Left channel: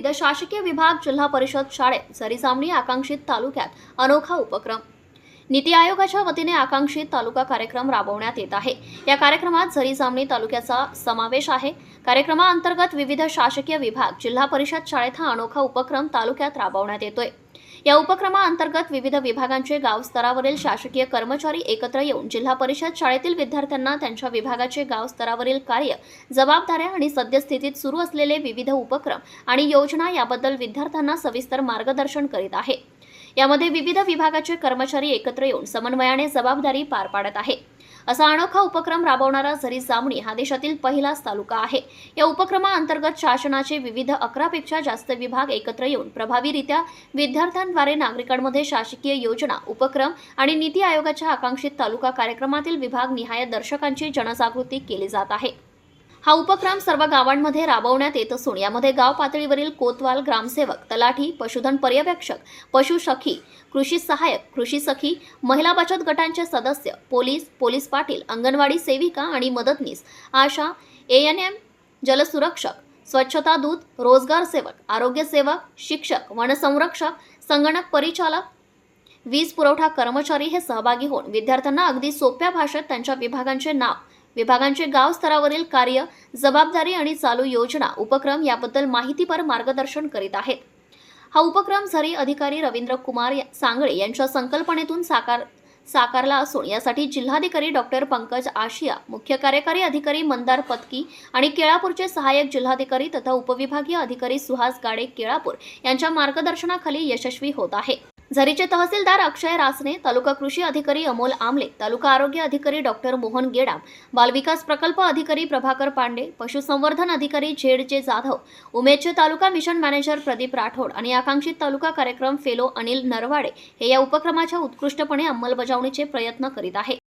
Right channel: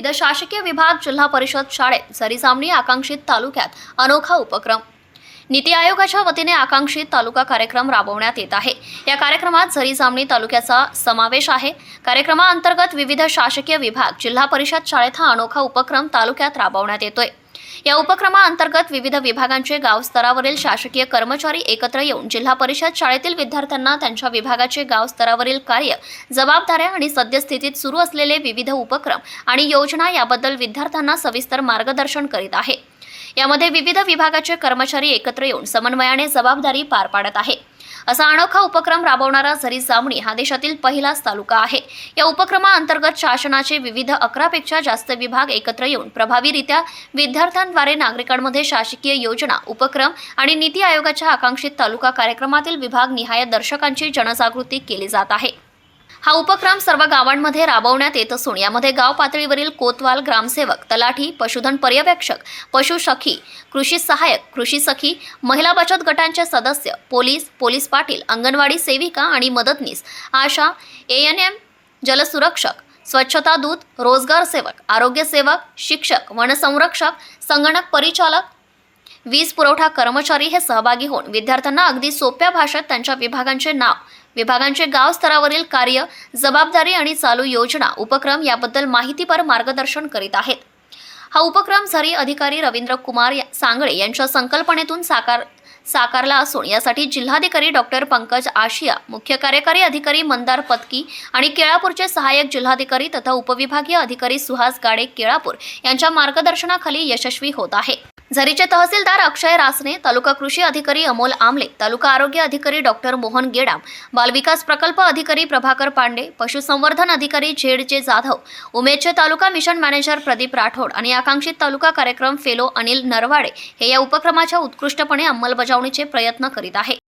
विविध शासकीय विभाग जिल्हा परिषद शाळेत सरीसामणी आकांक्षित तालुक्यात अनोखा उपक्रम. नीती आयोगाच्या वतीने आकांक्षित तालुका कार्यक्रम राबवण्यात येत आहे. या कार्यक्रमात झरी जामणी तालुक्याचा समावेश आहे. कार्यक्रमाअंतर्गत विविध शासकीय विभाग जिल्हा परिषद शाळेत हा अनोखा उपक्रम तालुक्यात राबवण्यात येतोय. या उपक्रमाअंतर्गत विविध विभागांचे गावस्तरावरील शासकीय कर्मचारी एकत्र येऊन जिल्हा परिषद शाळेतील विद्यार्थ्यांना त्यांच्या विभागाचे गावस्तरावरील कार्य जबाबदाऱ्या आणि सद्यस्थितीत सुरू असलेले विविध उपक्रम आणि योजना याबद्दल विद्यार्थ्यांना सविस्तर मार्गदर्शन करीत आहे. यामध्ये विविध विभागाचे कर्मचारी एकत्र येऊन समन्वयाने जबाबदारी पार पाडत आहे. असा अनोखा उपक्रम राबवणारा झरी जामणी हा देशातील पहिलाच तालुका आहे. या उपक्रमाअंतर्गत शासनाचे विविध अकरापेक्षा जास्त विभाग एकत्र येऊन प्रभावीरित्या विद्यार्थ्यांद्वारे नागरिकांमध्ये शासकीय योजना उपक्रम आणि नीती आयोगाच्या आकांक्षित तालुका कार्यक्रमातील विभाग निहाय दर्शकांची जनजागृती केली जात आहे. हा उपक्रम सर्व गावांमध्ये राबवण्यात येत असून यामध्ये गाव पातळीवरील कोतवाल ग्रामसेवक तलाठी पशुधन पर्यवेक्षक पशुसखी कृषी सहाय्यक कृषी सखी महिला बचत गटांचे सदस्य पोलीस पोलीस पाटील अंगणवाडी सेविका आणि मदतनीस आशा ए एन एम जलसुरक्षक स्वच्छता दूत रोजगार सेवक आरोग्य सेवक शिक्षक वनसंरक्षक संगणक परिचालक वीज पुरवठा कर्मचारी हे सहभागी होऊन विद्यार्थ्यांना अगदी सोप्या भाषेत त्यांच्या विभागांचे नाव विभागांचे गाव स्तरावरील कार्य जबाबदारी आणि चालू योजना उपक्रम याबद्दल माहितीपर मार्गदर्शन करीत आहेत. हा उपक्रम झरी अधिकारी रवींद्र कुमार या- सांगळे यांच्या संकल्पनेतून साकार साकारला असून यासाठी जिल्हाधिकारी डॉक्टर पंकज आशिया मुख्य कार्यकारी अधिकारी मंदार पत्की आणि केळापूरचे सहाय्यक जिल्हाधिकारी तथा उपविभागीय अधिकारी सुहास गाडे केळापूर यांच्या मार्गदर्शनाखाली यशस्वी होत आहे. झरीचे तहसीलदार अक्षय रासने तालुका कृषी अधिकारी अमोल आमले तालुका आरोग्य अधिकारी डॉक्टर मोहन गेडाम बालविकास प्रकल्प अधिकारी प्रभाकर पांडे पशुसंवर्धन अधिकारी झेड जे जाधव उमेदचे तालुका मिशन मॅनेजर प्रदीप राठोड आणि आकांक्षित तालुका कार्यक्रम फेलो अनिल नरवाडे हे या उपक्रमाच्या उत्कृष्टपणे अंमलबजावणीचे प्रयत्न करीत आहे.